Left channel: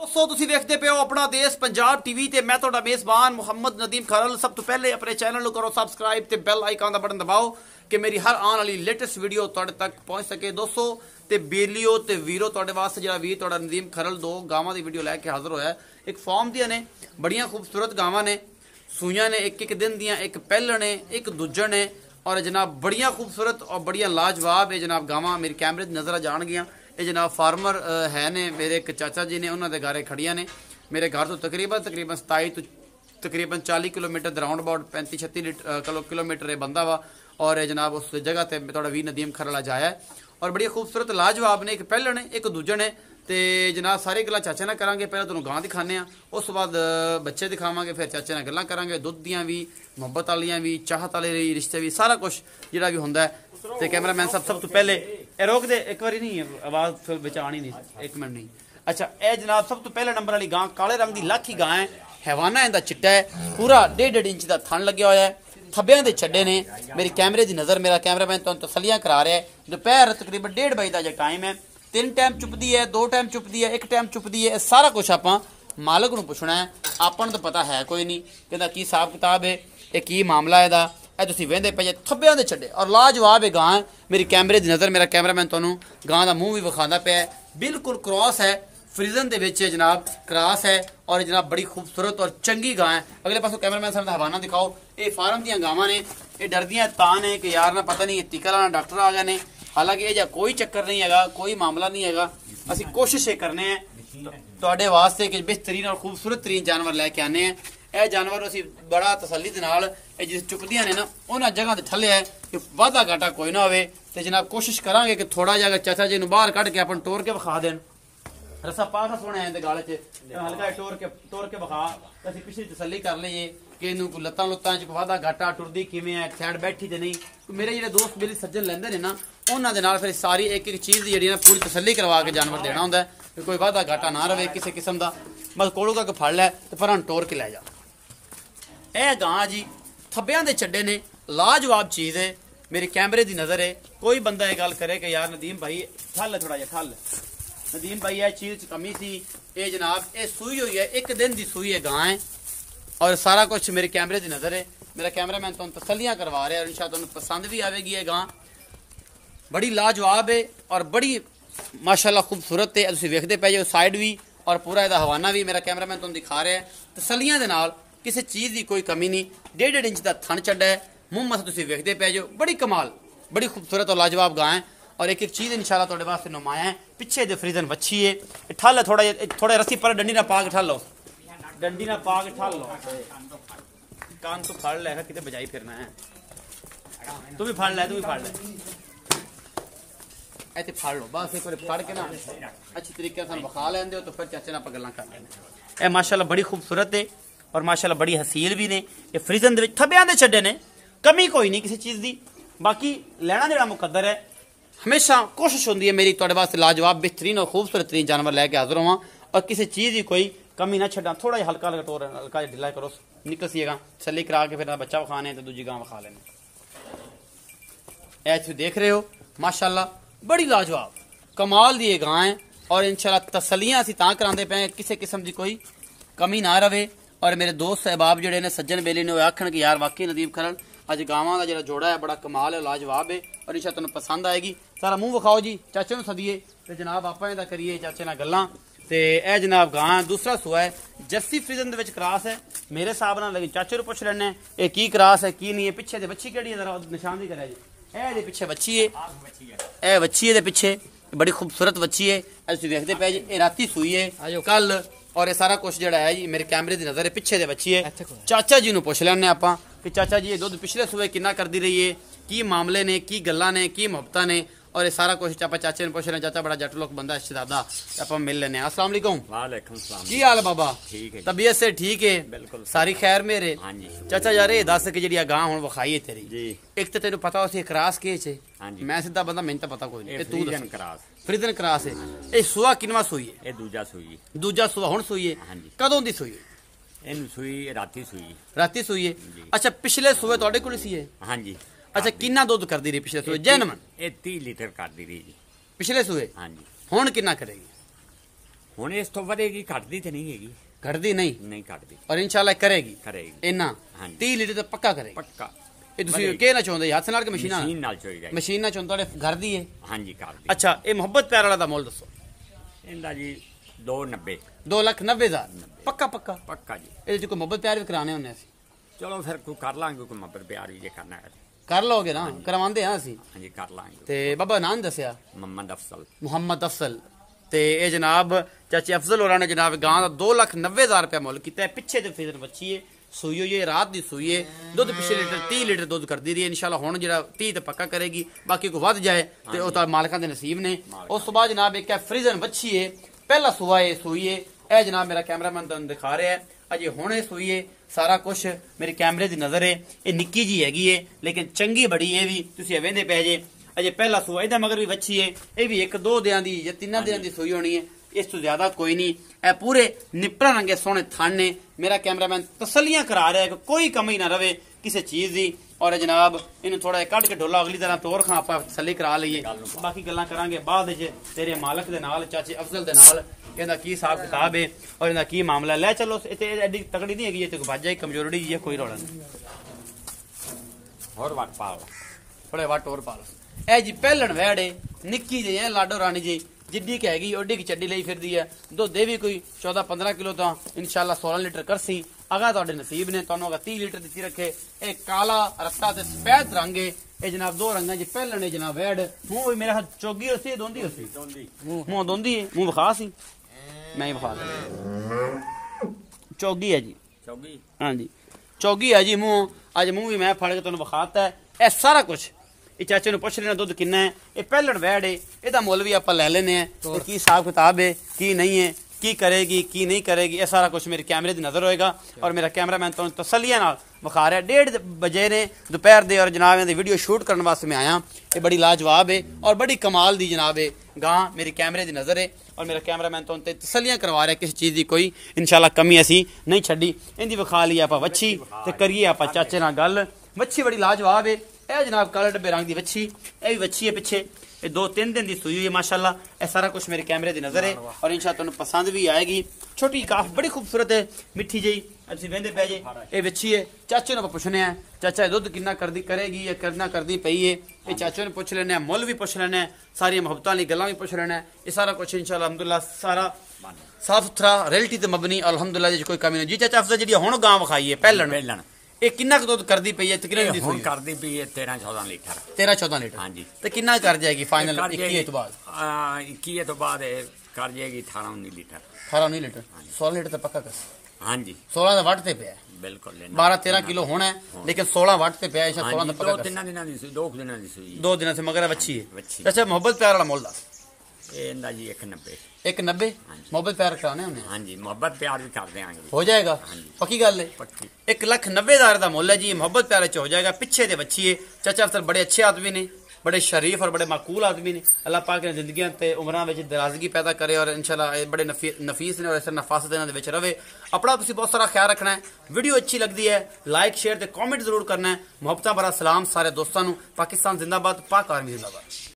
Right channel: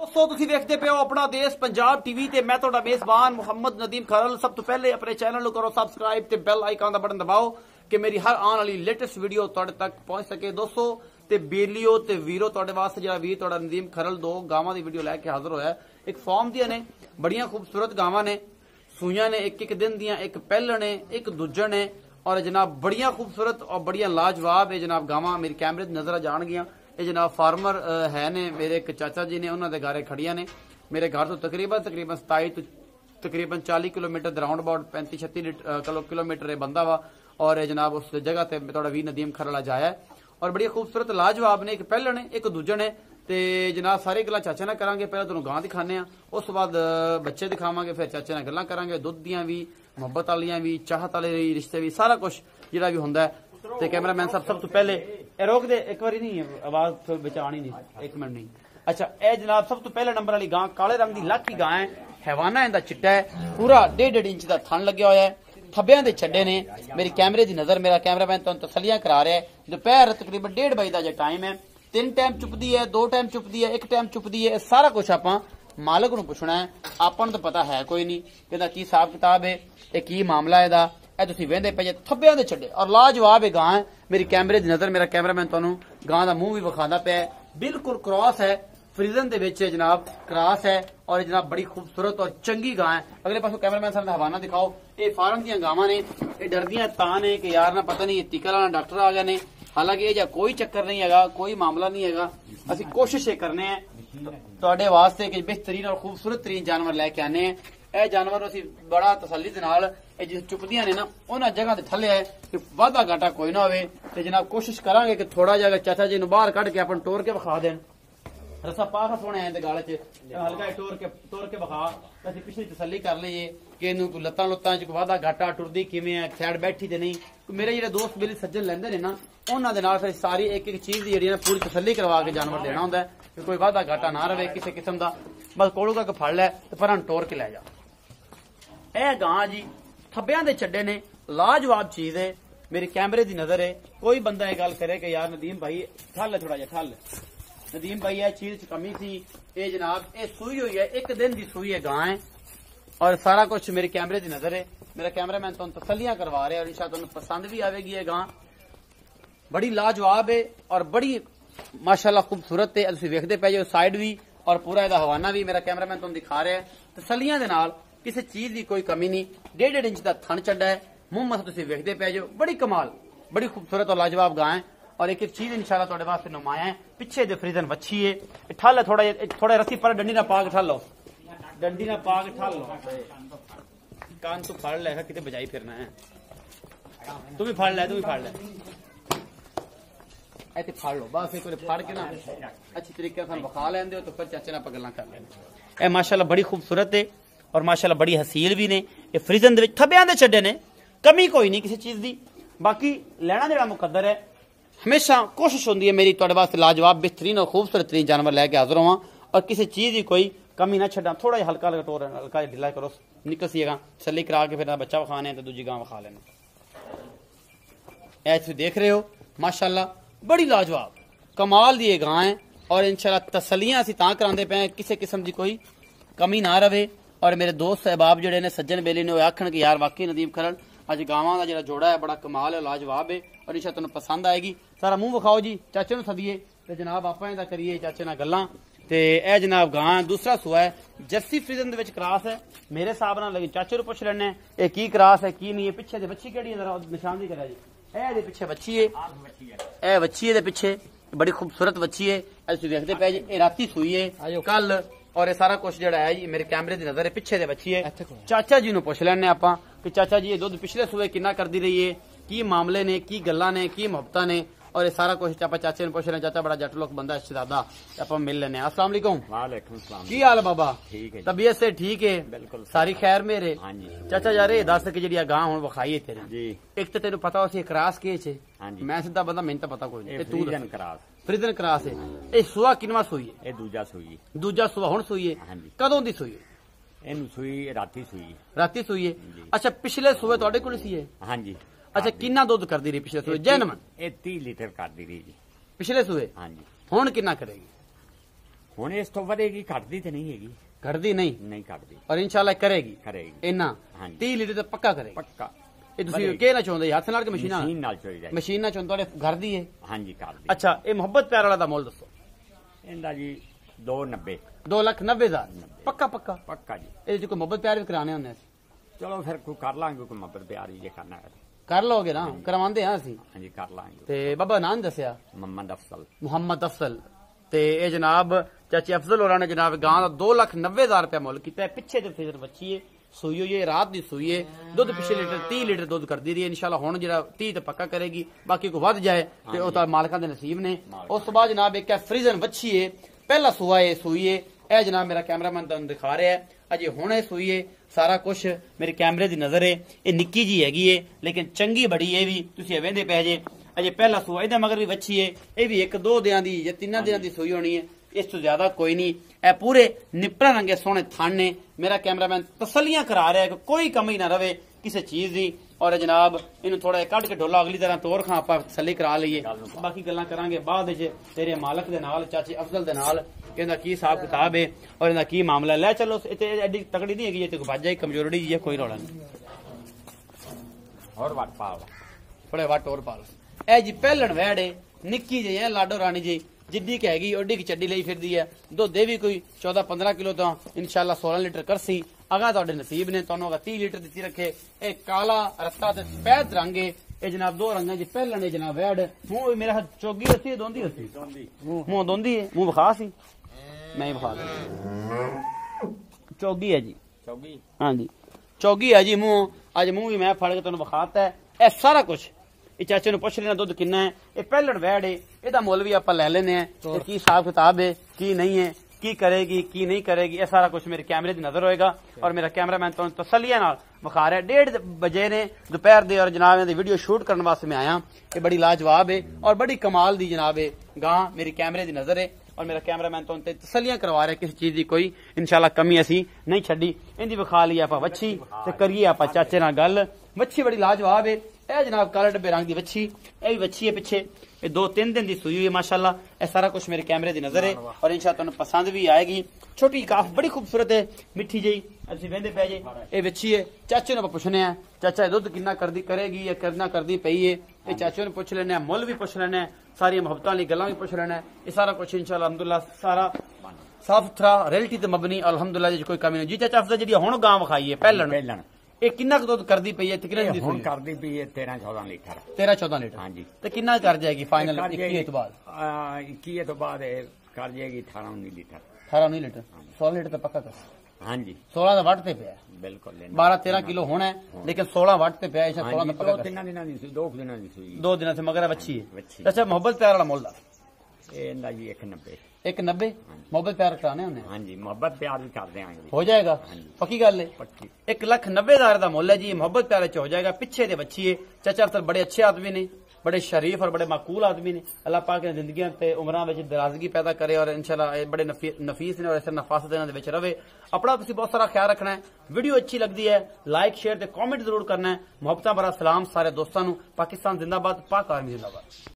दोस्तों तुसी देखते पे हो अपना देश पंजाब टीवी ते मैं तुहाडा मेज़बान मुहम्मद नदीम खरल। सब तो पहले अपने चैनल को करो सबसक्राइब ते बेल आइकन का बटन दबाओ कि मेरी हर आने वाली लेटेस्ट वीडियो तुहाडे तक पहुंच सके। दोस्तों ते बेलियो ते वीरो तुहाडे वास्ते जिहड़ा वीर तुहाडा नदीम खरल दो गावां दी वीडियो लैके हाजिर होया। एक फॉर्म दियां ने बड़ियां खूबसूरत गावां ने, सूइयां ने एक एक दिन दियां, एक पहल ने एक दूजा ने और जनाब बड़ियां खूबसूरत और बड़ियां लाजवाब है जनाब गावां मेरी कैमरे नजर जान गया। ये जनाब फार्मर है ने मेरे एक चाचा जी ने, उन्होंने घरे खड़िया ने। मेरे घर तो तकरीबन 27 तो तकरीबन 40 किलोमीटर राउंड अबाउट 35-36 किलोमीटर बनता वा। और जनाब उस जगह ते थोड़ा वीर नदीम खरला जाया है और बड़ी खूबसूरत लाजवाब ने। एक पहले ने एक दूजे ने ते जनाब सारी गल्लां चाचे नाल करांगे। पहले तुहानूं गां दिखाने आ, उस तो बाद बच्चे दिखावांगे, फिर चाचे नाल गल्लां करांगे, दुध दियां भी, मुहब्बत वालियां भी, चाहत वाले रिश्ते भी, सारा कुछ जिहड़ा भी हुंदा है। ते कैमरामैन सब तो पहले रोक दे, एक बारी नहीं आवाज फिर बिच आनी नहीं, एक मिनट नहीं। अच्छा ए जनाब सब तो पहले नंबर वाली गां काले रंग की लाठी गां है, हैवाना इंदा चिट्टा है, पूरा 1.5 इंच का थन लग्या होया है, थब्बियां दे छड्डे ने। मेरी कैमरे की नजर मेरा कैमरामैन तुहानूं तसल्लियां करा रहा है। दोपहर तकरीबन 1:30 बजे का जो टाइम है, 3 टाइम चुपदी है, 2 टाइम चुपदी है, 1 टाइम चुपदी है। सारा कुछ आपां मालक नूं पुछना है, आपां नूं तो पता है कोई नहीं कहंदा की हिसाब किताब है, ये की मामला है दा। ए तुसीं वेंदे पे थब्बियां दे छड्डे और लाजवाब है गां। मेरी कैमरे की नजर मेरा कैमरामैन तुहानूं गां दा मुंह भी विखांदा पिया है, बिल्कुल क्रॉस है, फ्रीजन दे विच जनाब क्रॉस है और जनाब बड़ी खूबसूरत और चंगी गां है। अगले पासों कैमरामैन साहब दा हवाना दिखाओ। ये फार्म दियां गावां ने, ये डरदियां तां ने कि यार ना पता नहीं टीका लाना डॉक्टर आ गए ने। हालांकि ये कोई चक्कर नहीं है, कोई मामला नहीं है। असं कोशिश ये करने हैं तुहाडे वास्ते कि बेहतरीन और खूबसूरत तरीन जानवर लैके आने हैं। यह जानवर असीं बड़ा तसल्ली दे नाल जिस चुकदियां ने ना उन्हां जगह ते ठल्ले है कि वाधा घाटा कोई ना होवे। ते जनाब कोशिश करांगे कि थोड़ा जिहा चाचा जी नूं बाहर कढ के अपन टोर के विखा देन। रस्सा पासा सोने आए ते गाले च हल्का टोर के विखा, असीं पिछली तसल्ली कर लईए कि इनू लत्तां लुत्तां च वाधा घाटा टुरदी किवें है, साइड बैठी ते नहीं। मेरे जेह्ड़े दोस्त मेरे सज्जन लैंदे ने ना उन्हां दे नाल फिर सारी एक एक चीज़ दी जेह्ड़ी ना पूरी तसल्ली करवा के जानवर देना हुंदा है कि कोई वाधा घाटा ना रहे किसी किस्म दा। बस कोलू करके फड़ लै ते पर टोर के लै जा। ए गां जी थब्बियां दे छड्डे ने, लाजवाब चीज़ है, मेरी कैमरे की नज़र है। कोई बंदा ये गल करे कि यार नदीम भाई ठल थोड़ा जिहा ठल, नदीम भाई यह चीज़ कमी सी। ये जनाब ये सूई हुई है, 1 दिन की सूई है गां है और सारा कुछ मेरी कैमरे की नज़र है। मेरा कैमरामैन तुहानूं तसल्लियां करवा रहा है और इंशाअल्लाह तुहानूं पसंद भी आएगी। ये गां बड़ी लाजवाब है और बड़ी माशाअल्लाह खूबसूरत है। तुसीं वेखदे पे जो साइड भी और पूरा इहदा हवाना भी मेरा कैमरामैन तुहानूं दिखा रहा है तसल्लियां दे नाल, किसी चीज़ की कोई कमी नहीं। 1.5 इंच का थन चढ़ा है, मुंह मस तुसीं वेखदे पे जो बड़ी कमाल, बड़ी खूबसूरत और लाजवाब गां है। और एक एक चीज़ इंशाअल्लाह तुहाडे वास्ते नुमाया है। पिछे जो फ्रीजन बच्ची है, ठल थोड़ा रस्सी पर डंडी ना पा के ठल लो, डंडी ना पा के ठल लो, कान तो फड़ लेगा कितने बजाई फिरना है। तू भी फड़ ले, तू भी फड़ ले, ऐसे फड़ लो बस एक बार फड़ के ना अच्छी तरीके से बखा लेंदे हो तो फिर चाचे नाल गल्लां कर लेंगे। ए माशाअल्लाह बड़ी खूबसूरत है और माशाअल्लाह बड़ी हसील भी ने। ये फ्रीजन दे विच थब्बियां दे छड्डे ने, कमी कोई नहीं किसी चीज़ की। बाकी लेना जेड़ा मुकद्दर है, हमेशा कोशिश होती है मेरी तुहाडे वास्ते लाजवाब बेहतरीन और खूबसूरत तरीन जानवर लैके हाजिर होवां और किसी चीज़ की कोई कमी ना छड्डां। थोड़ा जिहा हल्का टोर हल्का ढिला करो, निकल सीएगा छली करा के फिर बच्चा विखाने तो दूजी गां विखा लेना। ऐ तुसीं देख रहे हो माशाअल्लाह बड़ी लाजवाब कमाल दी गां है और इंशाअल्लाह तसल्लियां असीं तां करांदे पे किसी किस्म की कोई कमी ना रहे। और मेरे दोस्त सहबाब जिहड़े ने सज्जन बेली ने आखन कि यार वाकई नदीम खरल अज गावां दा जिहड़ा जोड़ा है बड़ा कमाल है, लाजवाब है और इंशाअल्लाह तुहानूं पसंद आएगी। सारा मुंह विखाओ जी, चाचे नूं सदिए ते जनाब आपां दा करिए चाचे नाल गल्लां। ते ए जनाब गां दूसरा सूआ है, जर्सी फ्रीजन दे विच क्रॉस है मेरे हिसाब नाल, लेकिन चाचे नूं पुछ लैने ये की क्रॉस है की नहीं है। पिछे दे बच्ची केड़ी है जरा निशान दी करा जी, ए दे पिछे बच्ची है, ए बच्ची है दे पिछे बड़ी खूबसूरत बच्ची है। असीं देखदे पे जी ये राती सूई है कल और ये सारा कुछ जड़ा है जी मेरे कैमरे की नजर है, पिछे दे बच्ची है। चाचा जी नूं पुछ लैने आपां कि चाचा जी ये दुध पिछले सूए किन्ना करदी रही है, की मामले ने, की गल्लां ने, की मुहब्बतां ने और ये सारा कुछ आप चाचे ने पुछ रहे। चाचा बड़ा जट लोग बंदा शहजादा, आप मिल लेने। अस्सलाम वालेकुम। वालेकुम सलाम। की हाल बाबा? ठीक है, तबीयत से ठीक है? बिल्कुल सारी खैर मेरे। हाँ जी चाचा यार ये दस कि जी गां हुण विखाई है तेरी जी, एक तो तेन पता उसे क्रॉस के छे, हाँ जी मैं सीधा बंदा, मैंने तो पता कोई नहीं। तू फ्रीजन क्रॉस, फ्रीजन क्रॉस है। ये सूआ किनवा सूई है? ये दूजा सूई, दूजा सूआ हुण सूई है? हाँ जी। कदों दी सूई है? ਇਹਨੂੰ ਸੂਈ ਰਾਤੀ ਸੂਈ राती सूई है। जी। अच्छा पिछले सूए ਤੁਹਾਡੇ ਕੋਲ ਸੀ ਹੈ? ਹਾਂਜੀ। अच्छा किन्ना दुध करदी रही पिछले सूए जैनमन? ਇਹ 30 ਲੀਟਰ ਕਰਦੀ ਰਹੀ ਜੀ पिछले सूए। ਹਾਂਜੀ। हुण किन्ना करेगी? ਹੁਣ ਇਸ ਤੋਂ ਵਧੇਗੀ, ਘਟਦੀ ਤੇ ਨਹੀਂ ਹੈਗੀ। ਘਟਦੀ ਨਹੀਂ ਨਹੀਂ ਘਟਦੀ, ਔਰ ਇਨਸ਼ਾਅੱਲਾ ਕਰੇਗੀ ਇੰਨਾ ਹਾਂਜੀ 30 ਲੀਟਰ ਤਾਂ ਪੱਕਾ ਕਰੇਗੀ। ਪੱਕਾ। ਇਹ ਤੁਸੀਂ ਕਿਹਨਾਂ ਚਾਹੁੰਦੇ ਜੀ, ਹੱਥ ਨਾਲ ਕਿ ਮਸ਼ੀਨਾਂ ਮਸ਼ੀਨ ਨਾਲ ਚੋਈ ਜਾਏ। ਮਸ਼ੀਨ ਨਾਲ ਚਾਹੁੰਦੇ ਤੁਹਾਡੇ ਘਰ ਦੀ ਹੈ? ਹਾਂਜੀ ਘਰ ਦੀ। ਅੱਛਾ, ਇਹ ਮੁਹੱਬਤ ਪਿਆਰ ਵਾਲਾ ਦਾ ਮੁੱਲ ਦੱਸੋ। ਇਹਦਾ ਜੀ 290 2,90,000 ਪੱਕਾ ਪੱਕਾ ਪੱਕਾ ਜੀ। ਇਹਦੇ ਚ ਕੋਈ ਮੁਹੱਬਤ ਪਿਆਰ ਵੀ ਕਰਾਣੇ ਹੁੰਦੇ ਅਸੀਂ? ਚਲੋ ਫਿਰ ਕੋਈ ਕਰ ਲਾਂਗੇ, ਕੋਈ ਮੁਹੱਬਤ ਪਿਆਰ ਵੀ ਜੇ ਕਰਨਾ ਹੈ ਕਰ ਲਓਗੇ ਨਾ? ਕਰਵਾਉਂਦੇ ਆ ਅਸੀਂ। ਹਾਂਜੀ ਕਰ ਲਾਂਗੇ। ਤੇ ਬਾਬਾ ਨਾਮ ਦੱਸਿਆ? ਮੁਹੰਮਦ ਅਫਜ਼ਲ। ਮੁਹੰਮਦ ਅਫਜ਼ਲ। ਤੇ ਇਹ ਜਨਾਬ ਚਾਚੇ ਅਫਜ਼ਲ ਹੋਰਾਂ ਨੇ ਜਨਾਬ ਗਾਂ ਦਾ 2,90,000 ਰੁਪਏ ਮੁੱਲ ਕੀਤਾ ਹੈ। ਪਿੱਛੇ ਤੇ ਫੀਜ਼ਨ ਬੱਚੀ ਹੈ, ਸੂਈ ਹੋਈ ਹੈ, ਰਾਤ ਦੀ ਸੂਈ ਹੈ। ਦੁੱਧ ਪਿਛਲੇ ਲੀਟਰ 30 ਲੀਟਰ ਦੁੱਧ ਕਰਦੀ ਰਹੀ ਹੈ। ਇਨਸ਼ਾਅੱਲਾ ਹੁਣ ਜਿਹੜਾ 30 ਤੇ ਪੱਕਾ ਕਰੇਗੀ, ਬਾਕੀ ਕੋ ਵੱਧ ਜਾਏ ਤੇ ਉਹ ਤਾਂ ਮਾਲਕਾਂ ਦੇ ਨਸੀਬ ਨੇ। ਉਸ ਤੋਂ ਬਾਅਦ ਜਨਾਬ ਇੱਕ ਫਰੀਜ਼ਨ ਬੱਚੀ ਹੈ, ਪਹਿਲਾ ਸੂਆ ਹੈ, ਸੂਈ ਹੈ। ਇਹ ਜਨਾਬ ਮੇਰਾ ਕੈਮਰਾਮੈਨ ਤੁਹਾਨੂੰ ਦਿਖਾ ਰਿਹਾ ਹੈ, ਅਜੇ ਹੁਣੇ ਸੂਈ ਹੈ। ਸਾਰਾ ਕੁਝ ਮੇਰੇ ਕੈਮਰੇ ਦੀ ਨਜ਼ਰ ਹੈ। ਇਹ ਨਿੱਕੀ ਜੀ ਹੈਗੀ ਹੈ ਲੇਕਿਨ ਚੰਗੀ ਬੜੀ ਹੈ ਵੀ, ਤੁਸੀਂ ਵੇਂਦੇ ਪਏ ਜੇ। ਅਜੇ ਪਹਿਲਾ ਸੂਆ, ਇਹਦੇ ਮਗਰ ਵੀ ਬੱਚੀ ਹੈ। ਇਹ ਵੀ 1-2 ਦਿਨਾਂ ਦੀ ਜਾਂ 3 ਦਿਨਾਂ ਦੀ ਸੂਈ ਹੋਣੀ ਹੈ, ਇਸ ਤੋਂ ਜ਼ਿਆਦਾ ਕੋਈ ਨਹੀਂ। ਇਹ ਪੂਰੇ ਨਿਪਰਾ ਰੰਗੇ ਸੋਹਣੇ ਥਣ ਨੇ। ਮੇਰਾ ਕੈਮਰਾਮੈਨ ਤਸੱਲੀਆਂ ਕਰਾ ਰਿਹਾ ਹੈ ਕਿ ਕੋਈ ਕਮੀ ਨਾ ਰਵੇ ਕਿਸੇ ਚੀਜ਼ ਦੀ। ਔਰ ਜਨਾਬ ਇਹਨੂੰ ਥੋੜਾ ਜਿਹਾ ਕੱਢ ਕੇ ਢੋਲਾ ਅਗਲੀ ਤਰ੍ਹਾਂ ਤੋਰ ਖਾਂ ਆਪਾਂ ਤਸੱਲੀ ਕਰਾ ਲਈਏ। ਬਾਕੀ ਗੱਲਾਂ ਕਰਾਂਗੇ ਬਾਅਦ ਵਿੱਚ ਤੇਰੇ ਮਾਲਕ ਦੇ ਨਾਲ, ਚਾਚੇ ਅਫਜ਼ਲ ਦੇ ਨਾਲ, ਕਹਿੰਦਾ ਕੀ ਹਿਸਾਬ ਕਿਤਾਬ ਹੈ ਔਰ ਇਹਦਾ ਕੀ ਮਾਮਲਾ। ਲੈ ਚਲੋ, ਇਹ ਤੇ ਐਡੀ ਤਕੜੀ ਨਹੀਂ ਹੈਗੀ, ਇਹ ਤੇ ਭੱਜ ਜਾਏ, ਕਮਜ਼ੋਰੀ ਜੀ ਹੈ, ਕੋਈ ਰੌਲਾ ਨਹੀਂ। ਹੋਰ ਵੱਟ ਪਾ ਥੋੜਾ ਵੱਟ ਹੋਰ ਪਾ ਲਓ। ਇਹ ਜੀ ਪਹਿਲਣ ਵੈੜੇ ਨਿੱਕੀ ਜਿਹੀ ਹੈ, ਲਾਡੋ ਰਾਣੀ ਜੀ ਜਿੱਡੀ ਕਿ ਹੈਗੀ ਓਡੀ ਕੀ ਚੱਡੀ ਲਈ ਫਿਰਦੀ ਹੈ। ਦੁੱਧ ਦੇ ਵੀ ਕੋਈ 14-15 ਕਿਲੋ ਤੋਂ ਇਨਸ਼ਾਅੱਲਾ 16 ਲੀਟਰ ਕਰਸੀ। ਅਗਾ ਤੁਹਾਡੇ ਨਸੀਬ ਨੇ, ਤੁਹਾਨੂੰ ਅਗਾ 30 ਲੀਟਰ ਦਿੱਤੀ ਰੱਖੇ। ਇਹ ਕਾਲਾ ਰੱਤਾ ਤੇ ਸਫੈਦ ਰੰਗ ਹੈ। ਇਹ ਜਨਾਬ 2 ਰੰਗਾਂ ਚ ਪਹਿਲਣ ਹੈ ਜਨਾਬ ਵੈੜ। ਮੂੰਹ ਵੀ ਮੇਰੇ ਹੱਥ ਚੋਗੀ ਹਸੀ, ਦੋਂਦੀ ਹਸੀ, ਮੂੰਹ ਦੋਂਦੀ ਹੈ। ਮੂੰਹ ਵਿਖਾ ਸੀ, ਮੈਂ ਹੀ ਵਿਖਾ ਦਿੰਦਾ। ਚੋਗੀ ਹੈ ਜੀ, ਚੌਗੀ। ਹਾਂਜੀ ਚੌਗੀ ਹੈ ਜੀ ਮੂੰਹ। ਅੱਜ ਮੂੰਹ ਵੀ ਮੈਂ ਫੜ ਕੇ ਤੁਹਾਨੂੰ ਵਿਖਾਤਾ ਹੈ। ਇਹ ਸਾਰਾ ਕੁਝ ਇਹ ਚਾਚੇ ਨੂੰ ਪੁੱਛ ਲੈਣਾ ਦੁੱਧ ਕਿੰਨਾ ਹੈ। ਇਹ ਪਹਿਲਣ ਵੈੜ ਹੈ, ਇਹਦਾ ਮੁੱਲ ਵੀ ਆਪਾਂ ਲੈ ਲੈਨੇ ਆ। ਕੀ ਹਿਸਾਬ ਕਿਤਾਬ ਹੈ, ਕੀ ਨਹੀਂ ਹੈ, ਕੀ ਕਰੇਗੀ ਕੀ ਨਹੀਂ ਕਰੇਗੀ, ਇਹ ਸਾਰਾ ਕੁਝ ਮੇਰੇ ਕੈਮਰੇ ਦੀ ਨਜ਼ਰ ਹੋਏਗਾ। ਔਰ ਮੇਰਾ ਕੈਮਰਾਮੈਨ ਤੁਹਾਨੂੰ ਤਸੱਲੀਆਂ ਨਾਲ ਵਿਖਾ ਰਿਹਾ। 1:30 ਵਜੇ ਨੇ ਦੁਪਹਿਰ ਦੇ, ਔਰ ਜਨਾਬ ਇਹਦੀ ਵੀਡੀਓ ਸ਼ੂਟ ਕਰਨ ਵਾਸਤੇ ਮੈਂ ਆਇਆ। ਇਹ ਬੜੀ ਲਾਜਵਾਬ ਹੈ ਔਰ ਬੜੀ ਕਮਾਲ ਦੀ ਜਨਾਬ ਹੈ ਗਾਂ, ਮੇਰੀ ਕੈਮਰੇ ਦੀ ਨਜ਼ਰ ਹੈ। ਔਰ ਮੇਰਾ ਕੈਮਰਾਮੈਨ ਤੁਹਾਨੂੰ ਤੇ ਤਸੱਲੀਆਂ ਕਰਵਾ ਰਿਹਾ, ਕਿਸੇ ਚੀਜ਼ ਦੀ ਕੋਈ ਇਨਸ਼ਾਅੱਲਾ ਕਮੀ ਅਸੀਂ ਨਹੀਂ ਛੱਡੀ। ਇਹਦੀ ਵਿਖਾ ਲਈ ਆਪਾਂ ਵੱਛੀ ਤੇ ਕਰੀਏ ਆਪਾਂ ਚਾਚੇ ਨਾਲ ਗੱਲ। ਵੱਛੀ ਬੜੀ ਲਾਜਵਾਬ ਹੈ। ਇਹ ਜਨਾਬ ਕਾਲੇ ਡੱਬੇ ਰੰਗ ਦੀ ਵੱਛੀ, ਇਹ ਵੀ ਵੱਛੀ ਹੈ ਪਿੱਛੇ। ਇਹ 2-3 ਦਿਨ ਦੀ ਸੂਈ ਹੋਈ ਹੈ ਮਾਸ਼ਾਅੱਲਾ। ਇਹ ਸਾਰਾ ਕੁਝ ਮੇਰੇ ਕੈਮਰੇ ਦੀ ਨਜ਼ਰ ਹੈ ਔਰ ਇਨਸ਼ਾਅੱਲਾ ਤੁਹਾਨੂੰ ਪਸੰਦ ਵੀ ਆਏਗੀ। ਛੋਟੀ ਕਾਫ ਬੜੀ ਖੂਬਸੂਰਤ ਹੈ, ਮਿੱਠੀ ਜਿਹੀ। ਅਸੀਂ ਵਹਿੰਦੇ ਪੈ ਜੇ ਇਹ ਵੱਛੀ ਹੈ। ਚਾਚੇ ਨੂੰ ਆਪਾਂ ਪੁੱਛਣੇ ਆ, ਚਾਚਾ ਦੁੱਧ ਕਿੰਨਾ ਕਰਦੀ ਕਰੇਗੀ ਜਾਂ ਕਰਨਾ ਕਰਦੀ ਪਈ ਹੈ। ਇਹ ਚਾਚੇ ਨੂੰ ਪੁੱਛ ਲੈਣੇ ਆ, ਮੁੱਲ ਵੀ ਪੁੱਛ ਲੈਣੇ ਆ, ਸਾਰੀਆਂ ਮੁਹੱਬਤਾਂ ਵਾਲੀ ਗੱਲਾਂ ਵੀ ਪੁੱਛ ਲੈਣਾ। ਇਹ ਸਾਰਾ ਕੁਝ ਇਨਸ਼ਾਅੱਲਾ ਅਲਹਮਦੁਲਿਲਾ ਸਾਰਾ ਸਾਫ ਸੁਥਰਾ ਰੈਲਿਟੀ ਤੇ ਮਬਨੀ ਅਲਹਮਦੁਲਿਲਾ ਜੀ ਕੋਈ ਕਮੀ ਨਹੀਂ। ਜੀ ਚਾਚਾ ਅਫਜ਼ਲ ਜਿਹੜੀ ਹੁਣ ਗਾਂ ਵਿਖਾਈ ਹੈ ਪਹਿਲਣ, ਇਹ ਕਿੰਨਾ ਕੁ ਦੁੱਧ ਕਰਦੀ ਪਈ ਹੈ? ਤਕਰੀਬਨ ਹੁਣ ਕਰਦੀ ਪਈ ਹੈ 13-14 ਲੀਟਰ। 13-14 ਲੀਟਰ ਹਾਂਜੀ। ਤੇ ਕਿੰਨਾ ਕਰ ਜਾਏਗੀ ਫਾਈਨਲ 21 ਤੋਂ ਬਾਅਦ? 21 ਤੋਂ ਬਾਅਦ ਇਹ ਕਰ ਜਾਏਗੀ 18-19 ਲੀਟਰ। 18-19 ਲੀਟਰ, 16 ਲੀਟਰ ਤਾਂ ਪੱਕਾ ਕਰ। ਹਾਂਜੀ 16 ਦਾ ਵੱਟ ਤੇ ਪਿਆ, ਬਿਲਕੁਲ 12-13 ਕਿਲੋ ਹੋਣਾ ਹੈ, ਲੇਕਿਨ 16 ਵੱਟ ਤੇ ਪਿਆ ਹੈ। 16 ਦਾ ਪੱਕਾ ਕਰ। 2 ਦਿਨਾਂ ਦੀ ਸੂਈ, 2 ਦਿਨਾਂ ਦੀ ਸੂਈ, 2 ਦਿਨਾਂ ਸੇ ਮਗਰ ਵੱਛੀ ਹੈ। ਵੱਛੀ। ਅੱਛਾ, ਮੁਹੱਬਤ ਪਿਆਰ ਵਾਲਾ ਮੁੱਲ ਦਾ ਇਹ ਇਹਦਾ ਜੀ 190। 190 ਮੁਹੱਬਤ ਪਿਆਰ ਕਰਾਣੇ ਹੁੰਦੇ? ਹਾਂਜੀ ਮੁਹੱਬਤ ਪਿਆਰ ਵੀ ਕਰ ਦਿਆਂਗੇ। ਹੋ ਜਾਏਗਾ, ਪੱਕੀ ਗੱਲ ਹੈ। ਪੱਕੀ। 1,90,000 ਦਾ ਮੁੱਲ ਹੈ ਜੀ, ਮੁਹੱਬਤ ਪਿਆਰ ਚ ਹੋ ਜਾਏਗਾ। ਪਿੱਛੇ ਦੇ ਬੱਚੀ ਹੈ। ਚਾਚਾ ਅਫਸਰ ਬੜੇ ਅੱਛੇ ਆਦਮੀ ਨੇ, बड़े शरीफ और बड़े माकूल आदमी ने। अल्लाह पाक ने जिंदगी ते उम्रां विच दराजगी पैदा करे और इंशाल्लाह बड़े नफीस ने और ऐसे नफासत इन्हां दे विच रवे। अपना तुसीं बहुत सारा ख्याल रखना है। वीडियो अच्छी लगती है लाइक शेयर ते कमेंट जरूर करना है। मुहब्बतां भरा सलाम सारे दोस्तां नूं। पाकिस्तान जिंदाबाद, पाक आर्मी जिंदाबाद।